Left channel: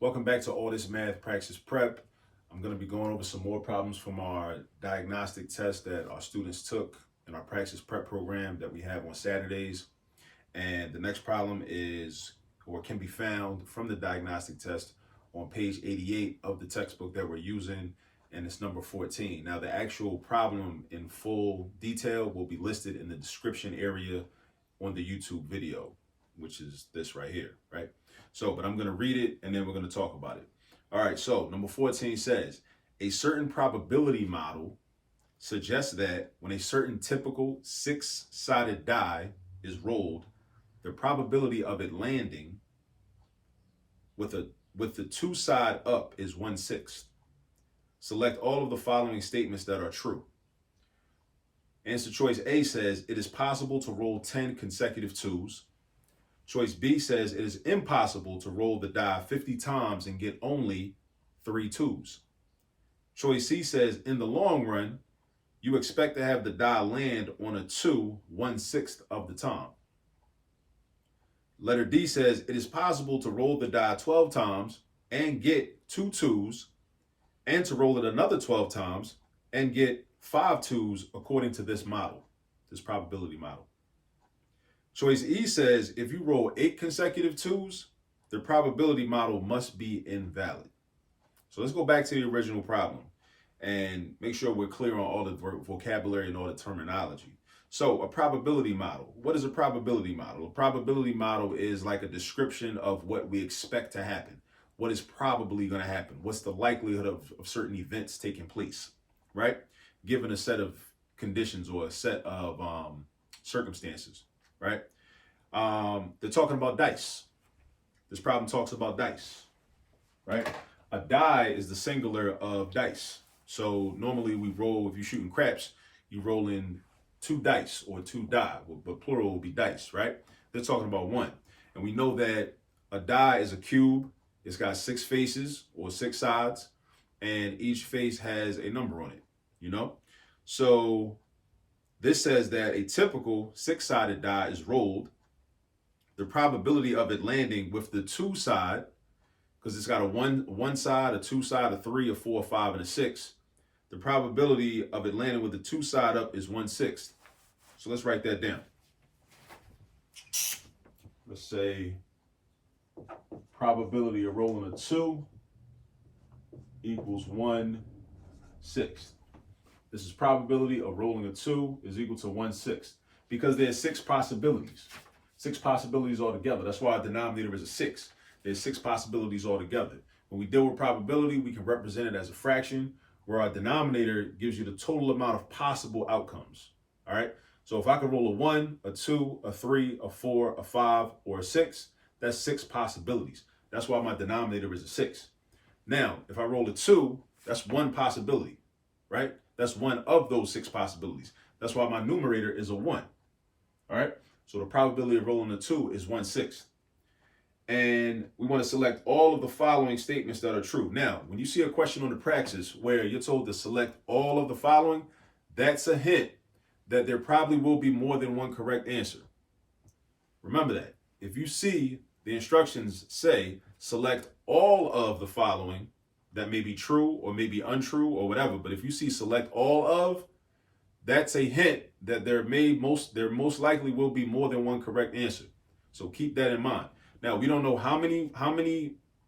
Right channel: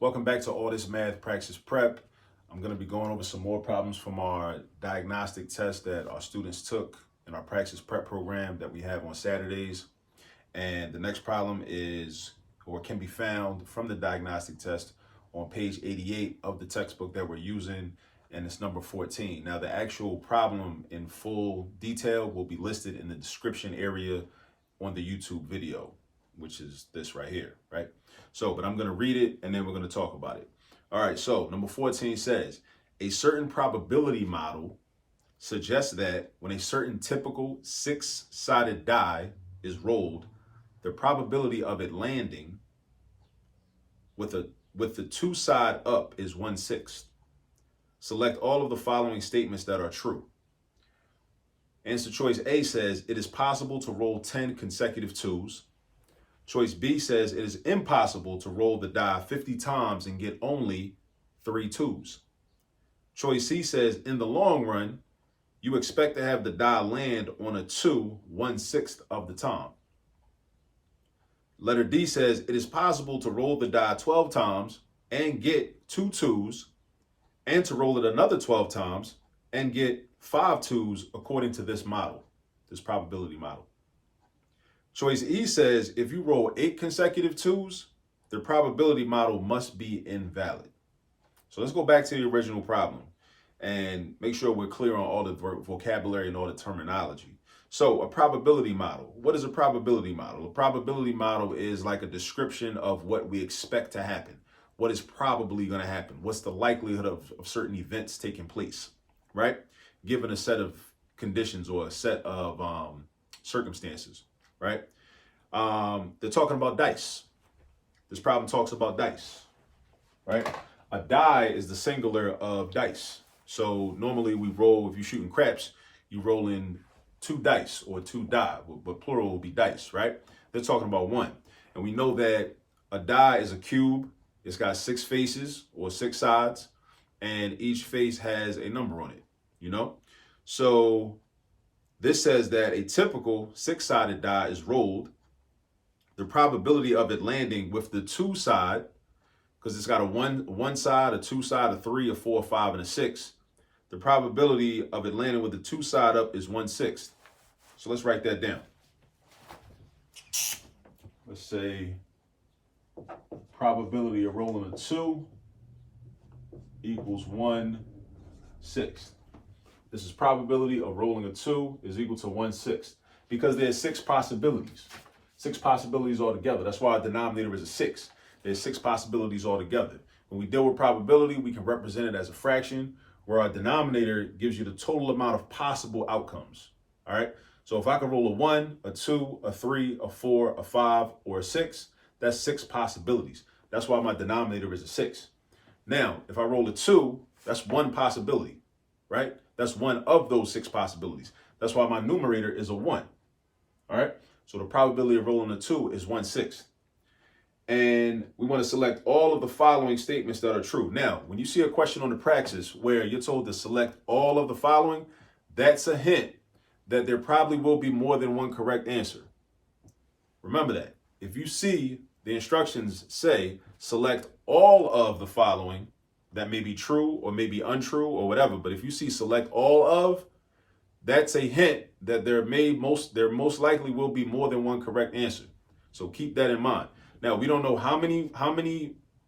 Welcome back to All This Math Praxis Prep. I'm going to be going over some more problems from our diagnostic test that our students took in our Praxis Prep program that we have on Saturdays. And the next problem is, or can be found from the diagnostic test on page 88 of the textbook that we're using, and it's number 14. Now, the actual problem in full detail will be listed in the description area on the YouTube video, which is this right here, right? So, but I'm going to read it and then we're going to talk about it. All right, so number 14 says, a certain probability model suggests that when a certain typical six-sided die is rolled, the probability of it landing with the two side up is 1/6. Select all of the following statements that are true. Answer choice A says it is possible to roll 10 consecutive twos. Choice B says it is impossible to roll the die 50 times and get only 3 twos. Choice C says in the long run, you expect to have the die land on a 2 1/6 of the time. Letter D says it is possible to roll the die 12 times and get 2 twos, and to roll it another 12 times and get 5 twos according to this model, this probability model. Choice E says if you roll 8 consecutive twos, the probability model must be invalid. So let's go back to the original problem and make sure we're clear on all the vocabulary and all the terminology. So a probability model. What is a probability model? A probability model is like a description of what we expect to happen. What is probably going to happen? What's the likelihood of certain events taking place, right? Given a set of conditions or a set of circumstances, right? They're talking about dice. This problem talks about dice, right? A die is the singular of dice. So normally we roll, if you're shooting craps, you roll in 2 dice or 2 die, but plural will be dice, right? They're talking about 1. And we know that a die is a cube. It's got 6 faces or 6 sides, and each face has a number on it, you know? So this says that a typical 6-sided die is rolled. The probability of it landing with the 2 side, because it's got a one side, a 2 side, a 3, a 4, a 5, and a 6. The probability of it landing with the 2 side up is 1/6. So let's write that down. Let's say probability of rolling a 2 equals 1/6. This is probability of rolling a 2 is equal to 1/6 because there's 6 possibilities. 6 possibilities altogether. That's why our denominator is a 6. There's 6 possibilities altogether. When we deal with probability, we can represent it as a fraction, where our denominator gives you the total amount of possible outcomes. All right. So if I could roll a 1, a 2, a 3, a 4, a 5, or a 6, that's 6 possibilities. That's why my denominator is a 6. Now, if I roll a 2, that's 1 possibility, right? That's one of those 6 possibilities. That's why my numerator is a 1. All right. So the probability of rolling a 2 is 1/6. And we want to select all of the following statements that are true. Now, when you see a question on the Praxis where you're told to select all of the following, that's a hint that there probably will be more than one correct answer. Remember that. If you see the instructions say select all of the following, that may be true or may be untrue or whatever, but if you see select all of, that's a hint that there most likely will be more than one correct answer. So keep that in mind. Now, we don't know how many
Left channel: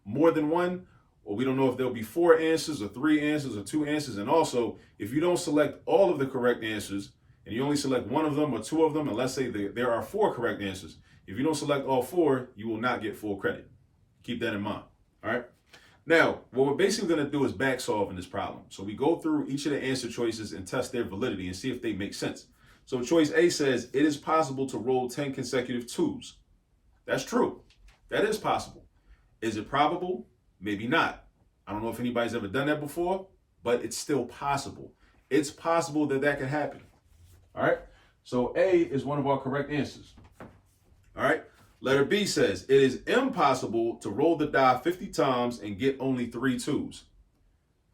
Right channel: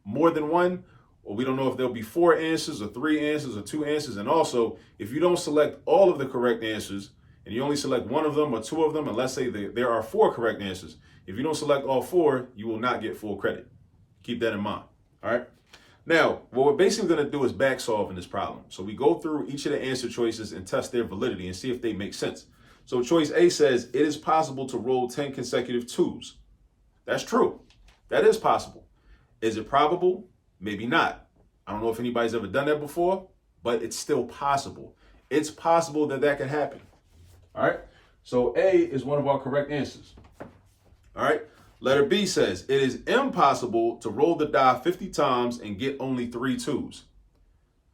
more than one, or we don't know if there'll be 4 answers or 3 answers or 2 answers. And also, if you don't select all of the correct answers and you only select 1 of them or 2 of them, and let's say there are 4 correct answers, if you don't select all 4, you will not get full credit. Keep that in mind. All right. Now, what we're basically going to do is back solve in this problem. So we go through each of the answer choices and test their validity and see if they make sense. So choice A says it is possible to roll 10 consecutive twos. That's true. That is possible. Is it probable? Maybe not. I don't know if anybody's ever done that before, but it's still possible. It's possible that that can happen. All right. So A is one of our correct answers. All right. Letter B says it is impossible to roll the die 50 times and get only 3 twos.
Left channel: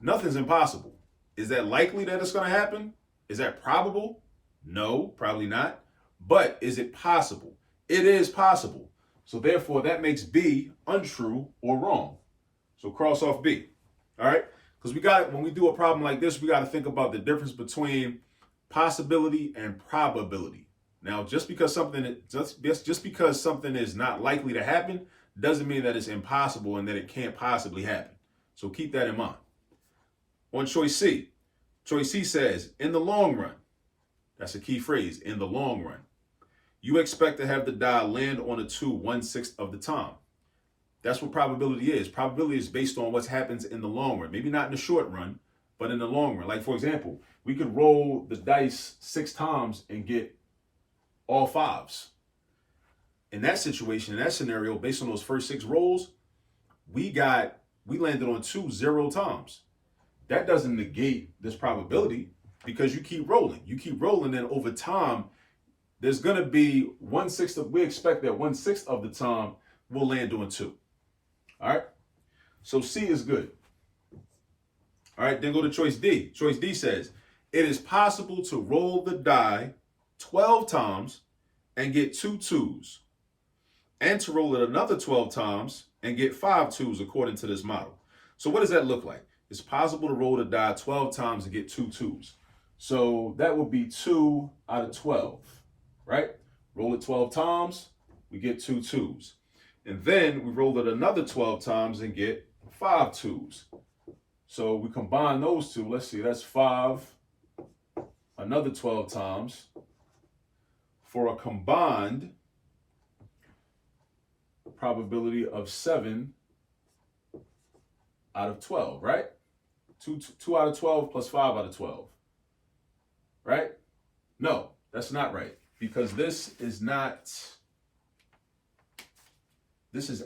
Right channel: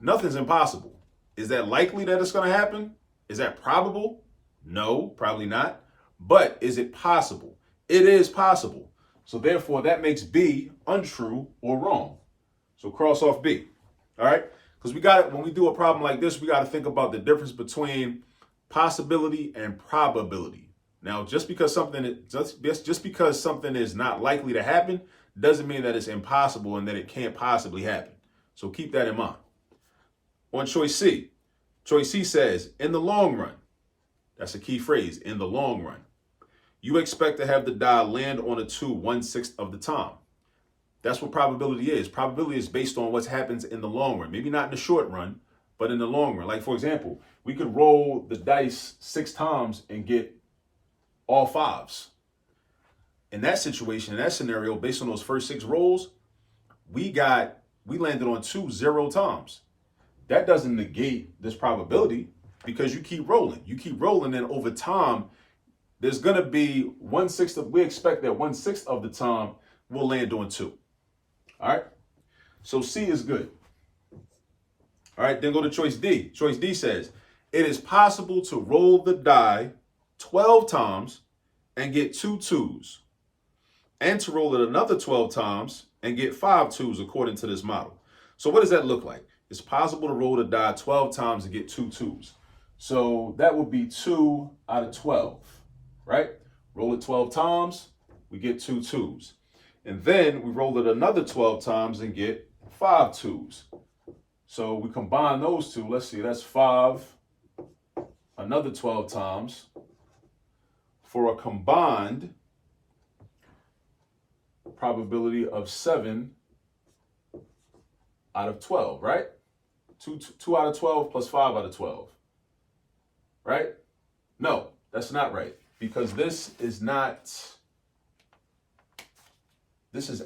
Nothing's impossible. Is that likely that it's going to happen? Is that probable? No, probably not. But is it possible? It is possible. So therefore, that makes B untrue or wrong. So cross off B. All right? Because we got it when we do a problem like this, we got to think about the difference between possibility and probability. Now, just because something is not likely to happen doesn't mean that it's impossible and that it can't possibly happen. So keep that in mind. On choice C says, in the long run, that's a key phrase, in the long run, you expect to have the die land on a 2 1/6 of the time. That's what probability is. Probability is based on what happens in the long run. Maybe not in the short run, but in the long run. Like, for example, we could roll the dice 6 times and get all 5s. In that situation, in that scenario, based on those first 6 rolls, we landed on 2 0 times. That doesn't negate this probability because you keep rolling. You keep rolling, and over time, there's going to be we expect that 1/6 of the time we'll land on 2. All right? So C is good. All right, then go to choice D. Choice D says, it is possible to roll the die 12 times and get 2 2s, and to roll it another 12 times and get 5 2s according to this model. So what does that look like? It's possible to roll the die 12 times and get 2 2s. So that would be 2 out of 12, right? Roll it 12 times, we get 2 2s. And then we roll it another 12 times and get 5 2s. So we combine those two. Let's see, that's 5, another 12 times, for a combined probability of 7 out of 12, right? 2 out of 12 plus 5 out of 12, right? No, that's not right, because this is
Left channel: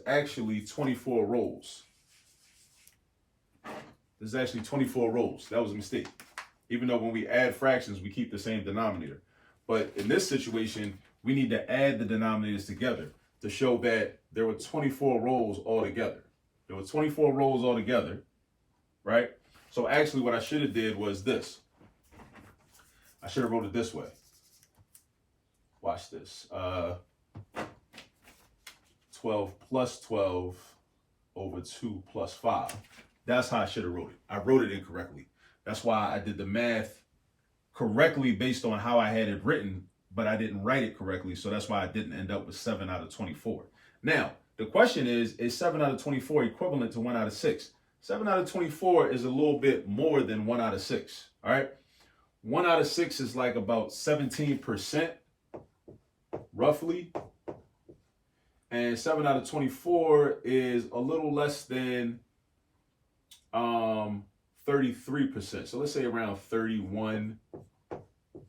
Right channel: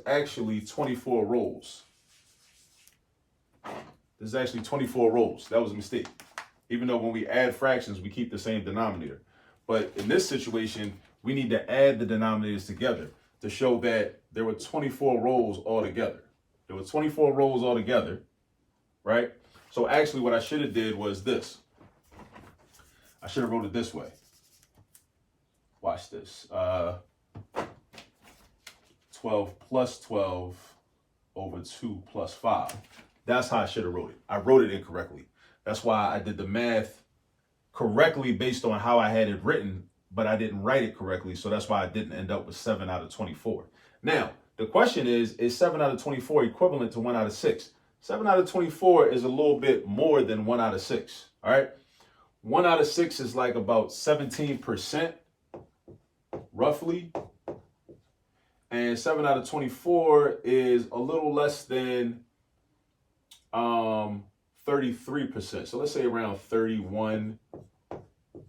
actually 24 rolls. This is actually 24 rolls. That was a mistake. Even though when we add fractions, we keep the same denominator. But in this situation, we need to add the denominators together to show that there were 24 rolls altogether. There were 24 rolls altogether, right? So actually what I should have did was this. I should have wrote it this way. Watch this. 12 plus 12 over 2 plus 5. That's how I should have wrote it. I wrote it incorrectly. That's why I did the math correctly based on how I had it written, but I didn't write it correctly. So that's why I didn't end up with 7 out of 24. Now, the question is 7 out of 24 equivalent to 1 out of 6? 7 out of 24 is a little bit more than 1 out of 6, all right? 1 out of 6 is like about 17%, roughly. And 7 out of 24 is a little less than 33%. So let's say around 31%,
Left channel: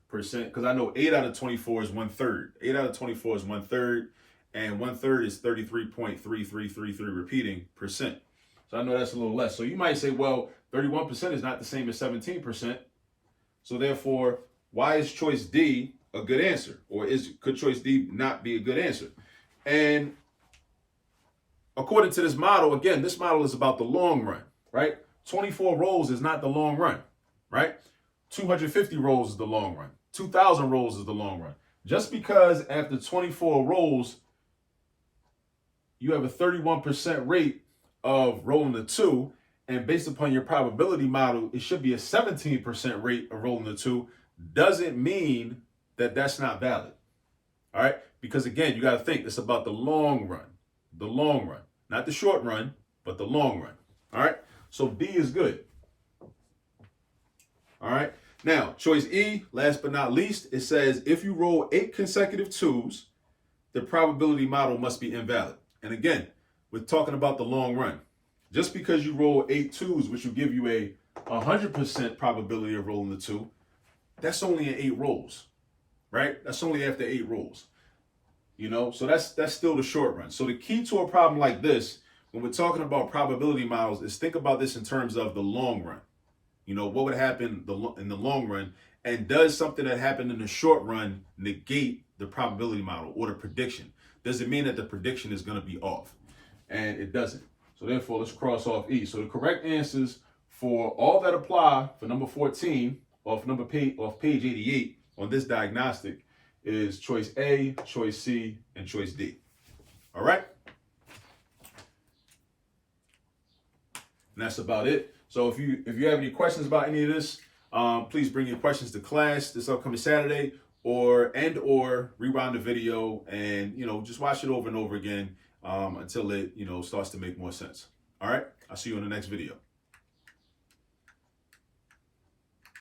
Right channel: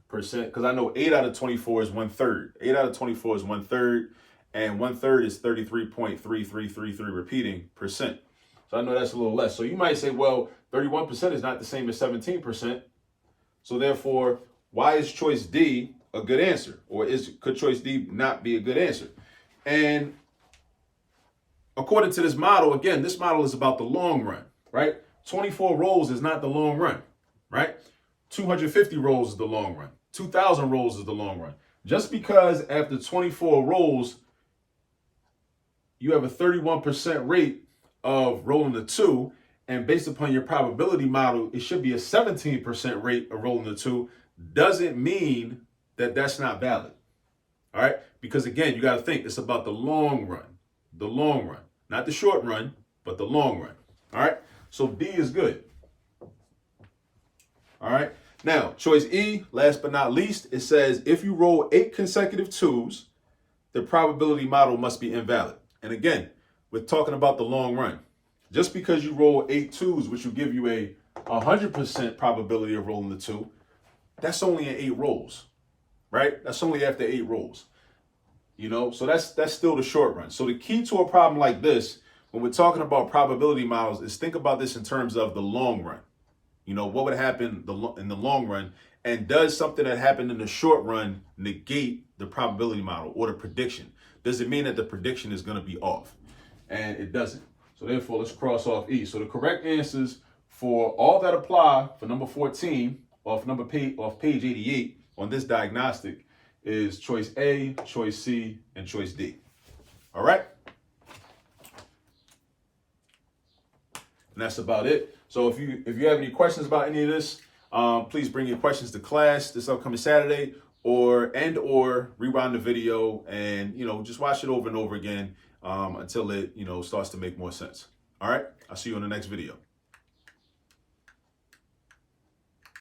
because I know 8 out of 24 is 1/3. 8 out of 24 is 1/3, and 1/3 is 33.3333 repeating percent. So I know that's a little less. So you might say, well, 31% is not the same as 17%. So therefore, why is choice D a good answer? Or could choice D not be a good answer? And according to this model, again, this model is about the long run, right? 24 rolls is not the long run, right? 250 rolls is the long run. 2,000 rolls is the long run. Just because after 24 rolls, you have a 31% rate of rolling the 2, and based upon your probability model, it should be a 17% rate of rolling the 2, doesn't mean that that's not valid, all right? Because again, you got to think, it's about the long run, not the short run, but the long run, all right? So D is good, all right? Now, choice E, last but not least, it says, if you roll 8 consecutive 2s, the probability model must be invalid. And again, we're talking about the long run. Just because you roll 8 2s, which will give you a 100% probability of rolling the 2, that's only in 8 rolls, right? That's only after 8 rolls, you know? So that's still the short run. So the key to a problem like this, when we're talking about probability models, is think about this in terms of the long run. You know, what would happen in the long run? And does something that happened in the short run negate the probability model or the prediction? Does it mean that the prediction is going to be off? And it doesn't. So therefore, let's cross off E. So the correct answers for all that apply for number 14 off page 88 on this diagnostic is choice A, choice C, and choice D. All right? And that's about it. So if you have any questions about any of this, please bring your questions to class this upcoming Saturday, or rewind the video and just watch it over and over again until it starts to make more sense. All right, I'll see you in the next video.